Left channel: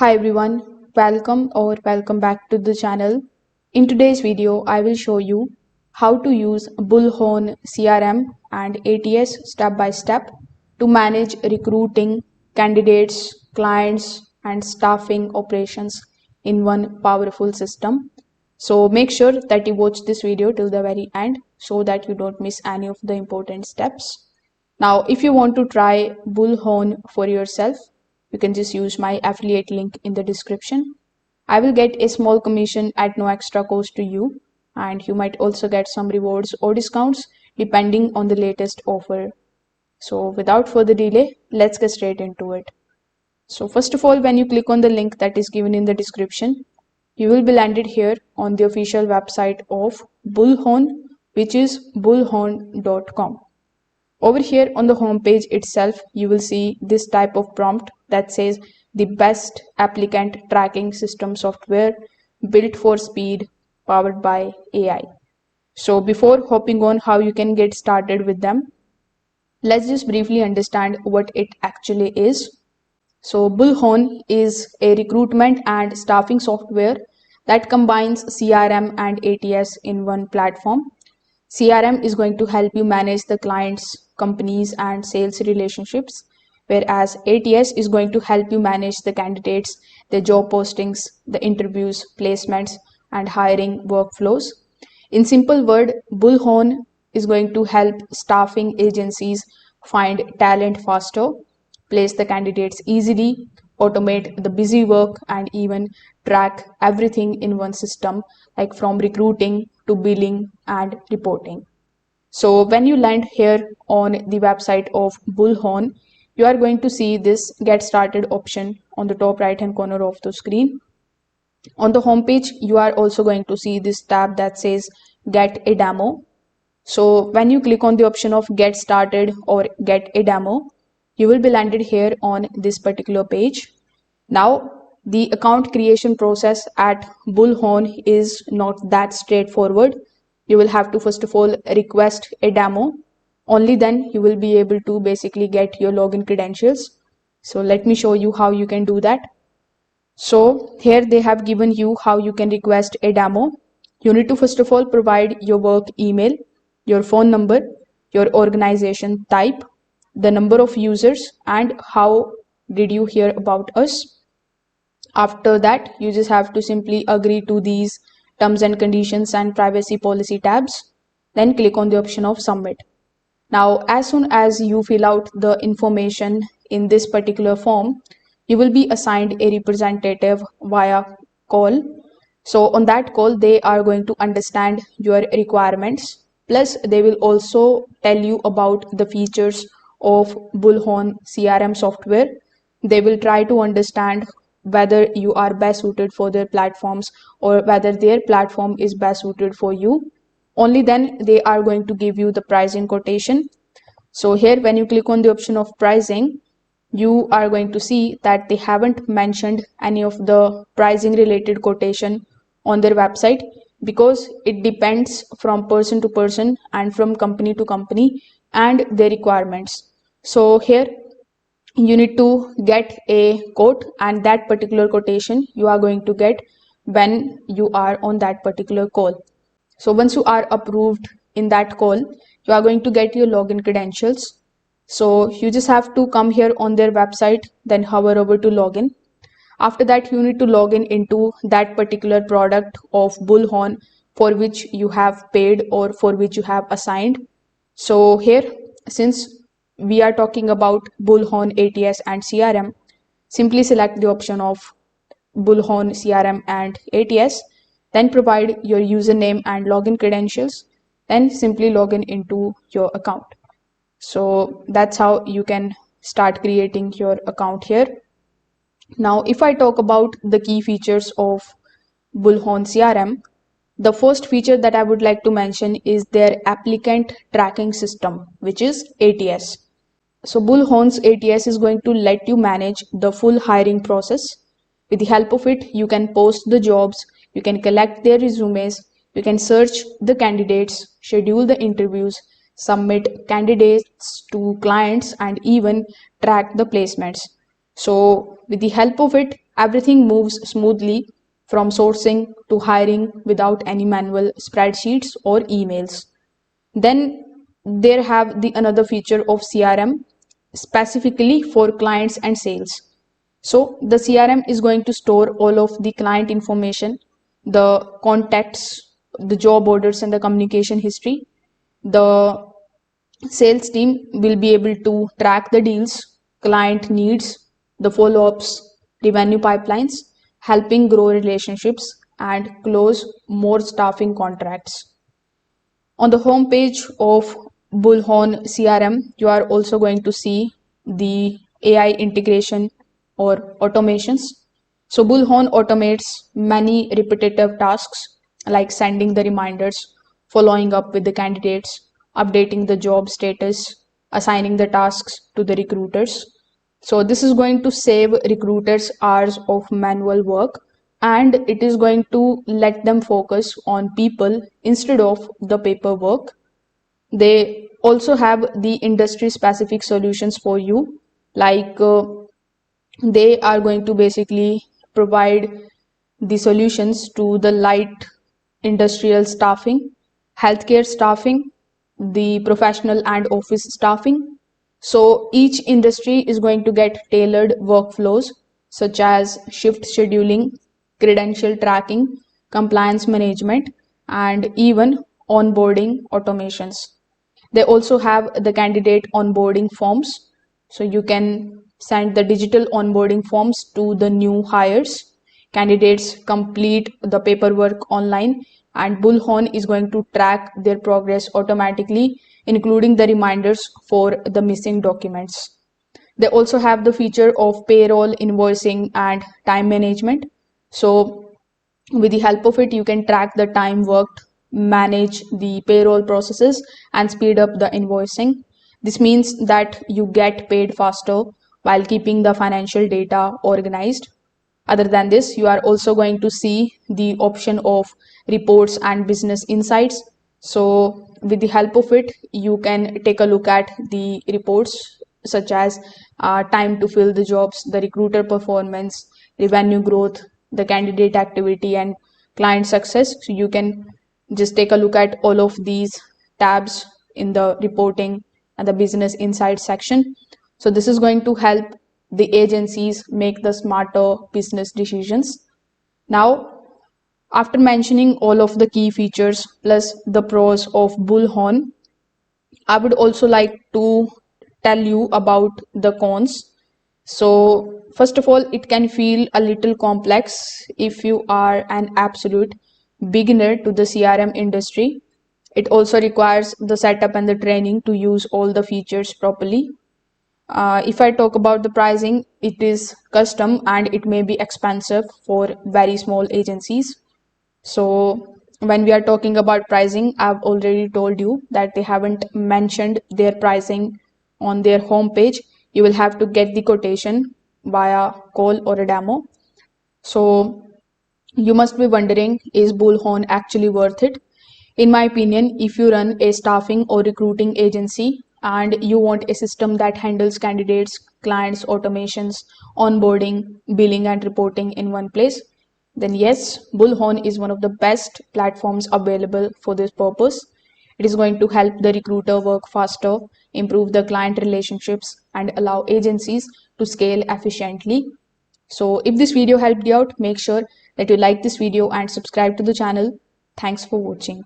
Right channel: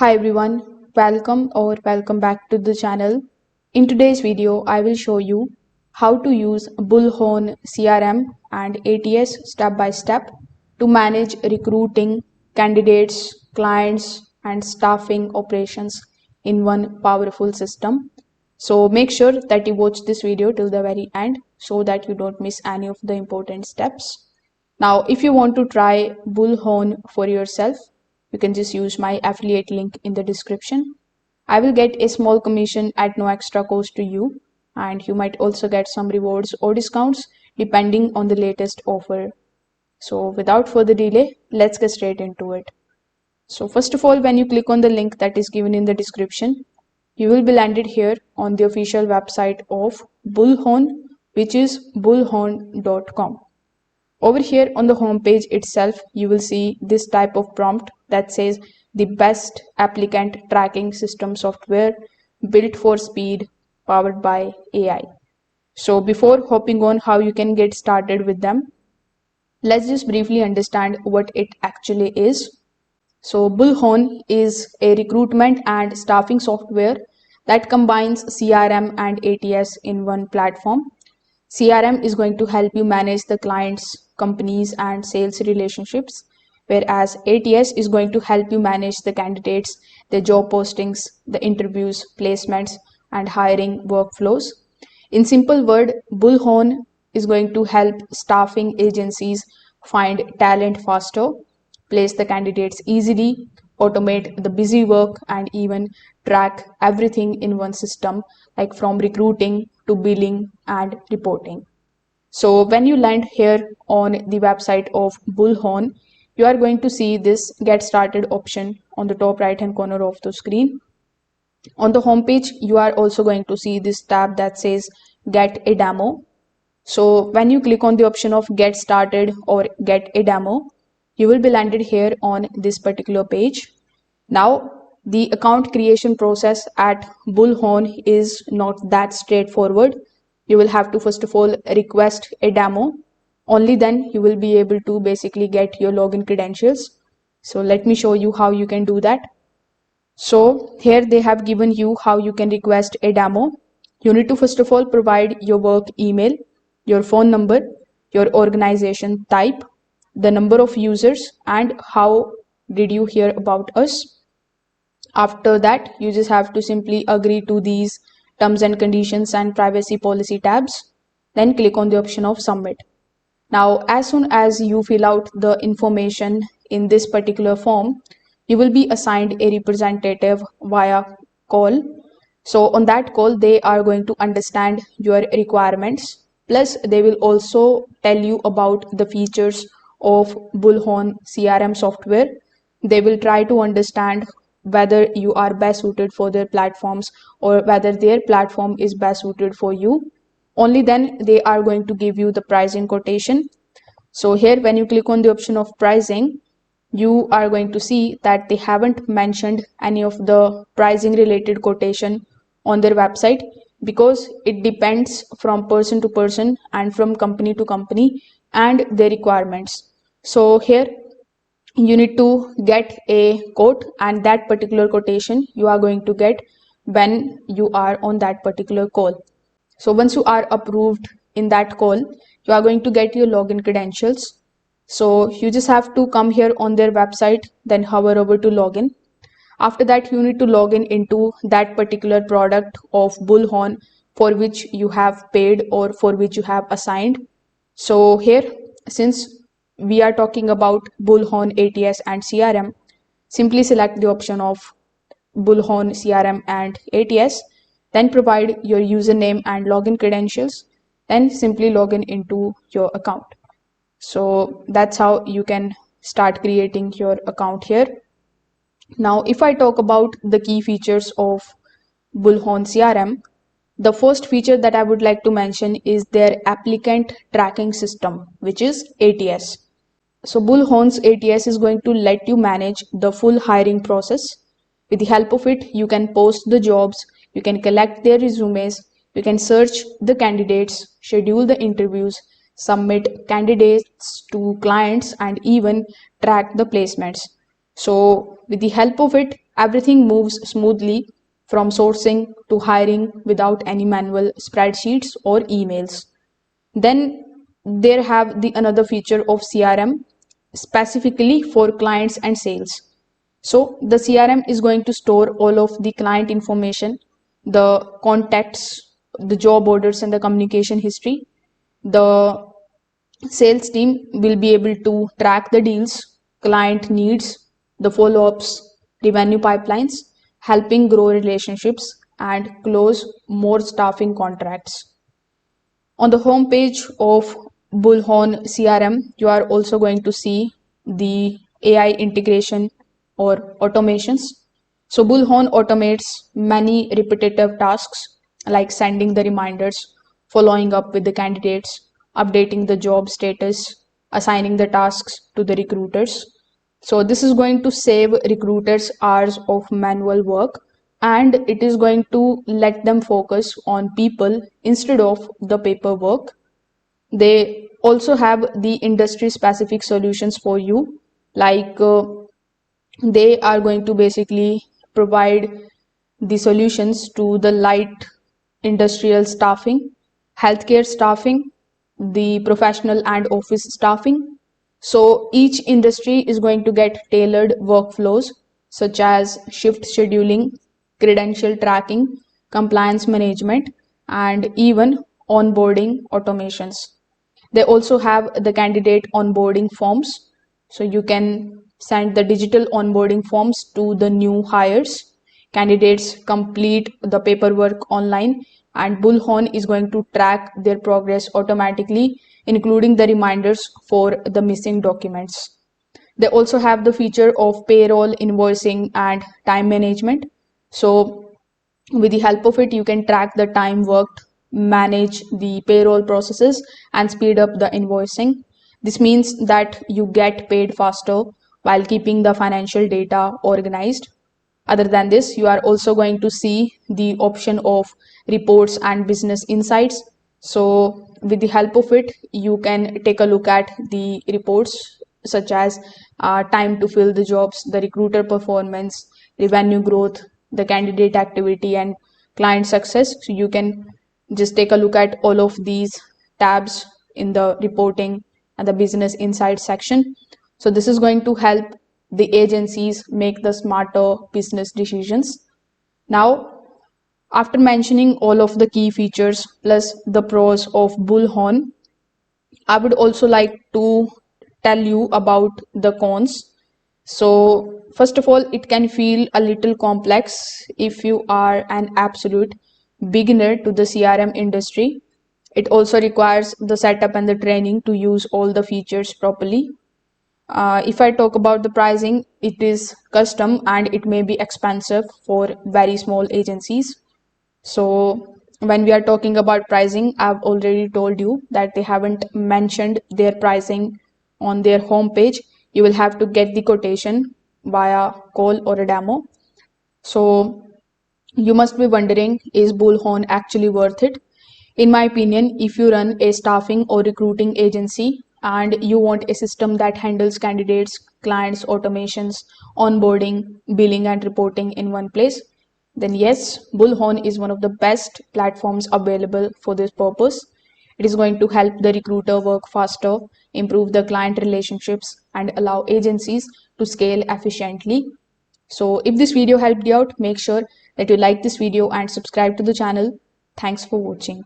Hi everyone, welcome back to the channel. In today's video, I will show you how to use Bullhorn CRM and ATS step by step to manage recruiting, candidates, clients, and staffing operations in one powerful system. So make sure that you watch this video till the very end so that you don't miss any of the important steps. Now, if you want to try Bullhorn for yourself, you can just use my affiliate link in the description. I will get a small commission at no extra cost to you, and you might also get some rewards or discounts depending on the latest offer. So, without further delay, let's get straight into it. So, first of all, when you click on the link that is given in the description, you will be landed here on the official website of Bullhorn, which is bullhorn.com. Over here on the home page itself, you will see this type of prompt that says the best applicant tracking system software built for speed, powered by AI. So before hopping on how you can get started with them, let's just briefly understand what it actually is. So Bullhorn is a recruitment and staffing software that combines CRM and ATS in one platform. CRM is going to help you manage the clients, companies, and sales relationships, whereas ATS is going to help you manage the candidates, the job postings, the interviews, placements, and hiring workflows. In simple word, Bullhorn is going to help staffing agencies find talent faster, place the candidates easily, automate the busy work, and even track everything in one system, like from recruiting to billing and reporting. So when you land here on the website of Bullhorn, you are going to see this get started option on the top right hand corner of the screen. On the home page, you are also going to see this tab that says get a demo. So when you click on the option of get started or get a demo, you will be landed here on this particular page. Now, the account creation process at Bullhorn is not that straightforward. You will have to first of all request a demo. Only then you will be able to basically get your login credentials. So let me show you how you can do that. So here they have given you how you can request a demo. You need to first of all provide your work email, your phone number, your organization type, the number of users, and how did you hear about us. After that, you just have to simply agree to these terms and conditions and privacy policy tabs. Then click on the option of submit. Now, as soon as you fill out the information in this particular form, you will be assigned a representative via call. So on that call, they are going to understand your requirements. Plus, they will also tell you about the features of Bullhorn CRM software. They will try to understand whether you are best suited for their platforms or whether their platform is best suited for you. Only then they are going to give you the pricing quotation. So here when you click on the option of pricing, you are going to see that they haven't mentioned any of the pricing related quotation on their website because it depends from person to person and from company to company and their requirements. So here you need to get a quote, and that particular quotation you are going to get when you are on that particular call. So once you are approved in that call, you are going to get your login credentials. So you just have to come here on their website, then hover over to login. After that, you need to log in into that particular product of Bullhorn for which you have paid or for which you have assigned. So here, since we are talking about Bullhorn ATS and CRM, simply select the option of Bullhorn CRM and ATS, then provide your username and login credentials, then simply log in into your account. So that's how you can start creating your account here. Now, if I talk about the key features of Bullhorn CRM, the first feature that I would like to mention is their applicant tracking system, which is ATS. So Bullhorn's ATS is going to let you manage the full hiring process. With the help of it, you can post the jobs, you can collect their resumes, you can search the candidates, schedule the interviews, submit candidates to clients, and even track the placements. So with the help of it, Everything moves smoothly from sourcing to hiring without any manual spreadsheets or emails. Then there have the another feature of CRM specifically for clients and sales. So the CRM is going to store all of the client information, the contacts, the job orders, and the communication history. The sales team will be able to track the deals, client needs, the follow ups, revenue pipelines, helping grow relationships and close more staffing contracts. On the home page of Bullhorn CRM, you are also going to see the AI integration or automations. So Bullhorn automates many repetitive tasks like sending the reminders, following up with the candidates, updating the job status, assigning the tasks to the recruiters. So this is going to save recruiters hours of manual work, and it is going to let them focus on people instead of the paperwork. They also have the industry specific solutions for you, like they are going to basically provide the solutions to the light industrial staffing, healthcare staffing, the professional and office staffing. So each industry is going to get tailored workflows such as shift scheduling, credential tracking, compliance management, and even onboarding automations. They also have the candidate onboarding forms. So you can send the digital onboarding forms to the new hires. Candidates complete the paperwork online, and Bullhorn is going to track their progress automatically, including the reminders for the missing documents. They also have the feature of payroll, invoicing, and time management. So with the help of it, you can track the time worked, manage the payroll processes, and speed up the invoicing. This means that you get paid faster while keeping the financial data organized. Other than this, you are also going to see the option of reports and business insights. So with the help of it, you can take a look at the reports such as time to fill the jobs, the recruiter performance, revenue growth, the candidate activity, and client success. So you can just take a look at all of these tabs in the reporting and the business insight section. So this is going to help the agencies make the smarter business decisions. Now, after mentioning all of the key features plus the pros of Bullhorn, I would also like to tell you about the cons. So, first of all, it can feel a little complex if you are an absolute beginner to the CRM industry. It also requires the setup and the training to use all the features properly. If I talk about the pricing, it is custom and it may be expensive for very small agencies. So when we are talking about pricing, I've already told you that they haven't mentioned their pricing on their homepage. You will have to get the quotation via call or a demo. So you must be wondering, is Bullhorn actually worth it? In my opinion, if you run a staffing or recruiting agency and you want a system that handles candidates, clients, automations, onboarding, billing, and reporting in one place, then yes, Bullhorn is one of the best platforms available for this purpose. It is going to help the recruiter work faster, improve the client relationships, and allow agencies to scale efficiently. So if this video helped you out, make sure that you like this video and subscribe to the channel. Thanks for watching.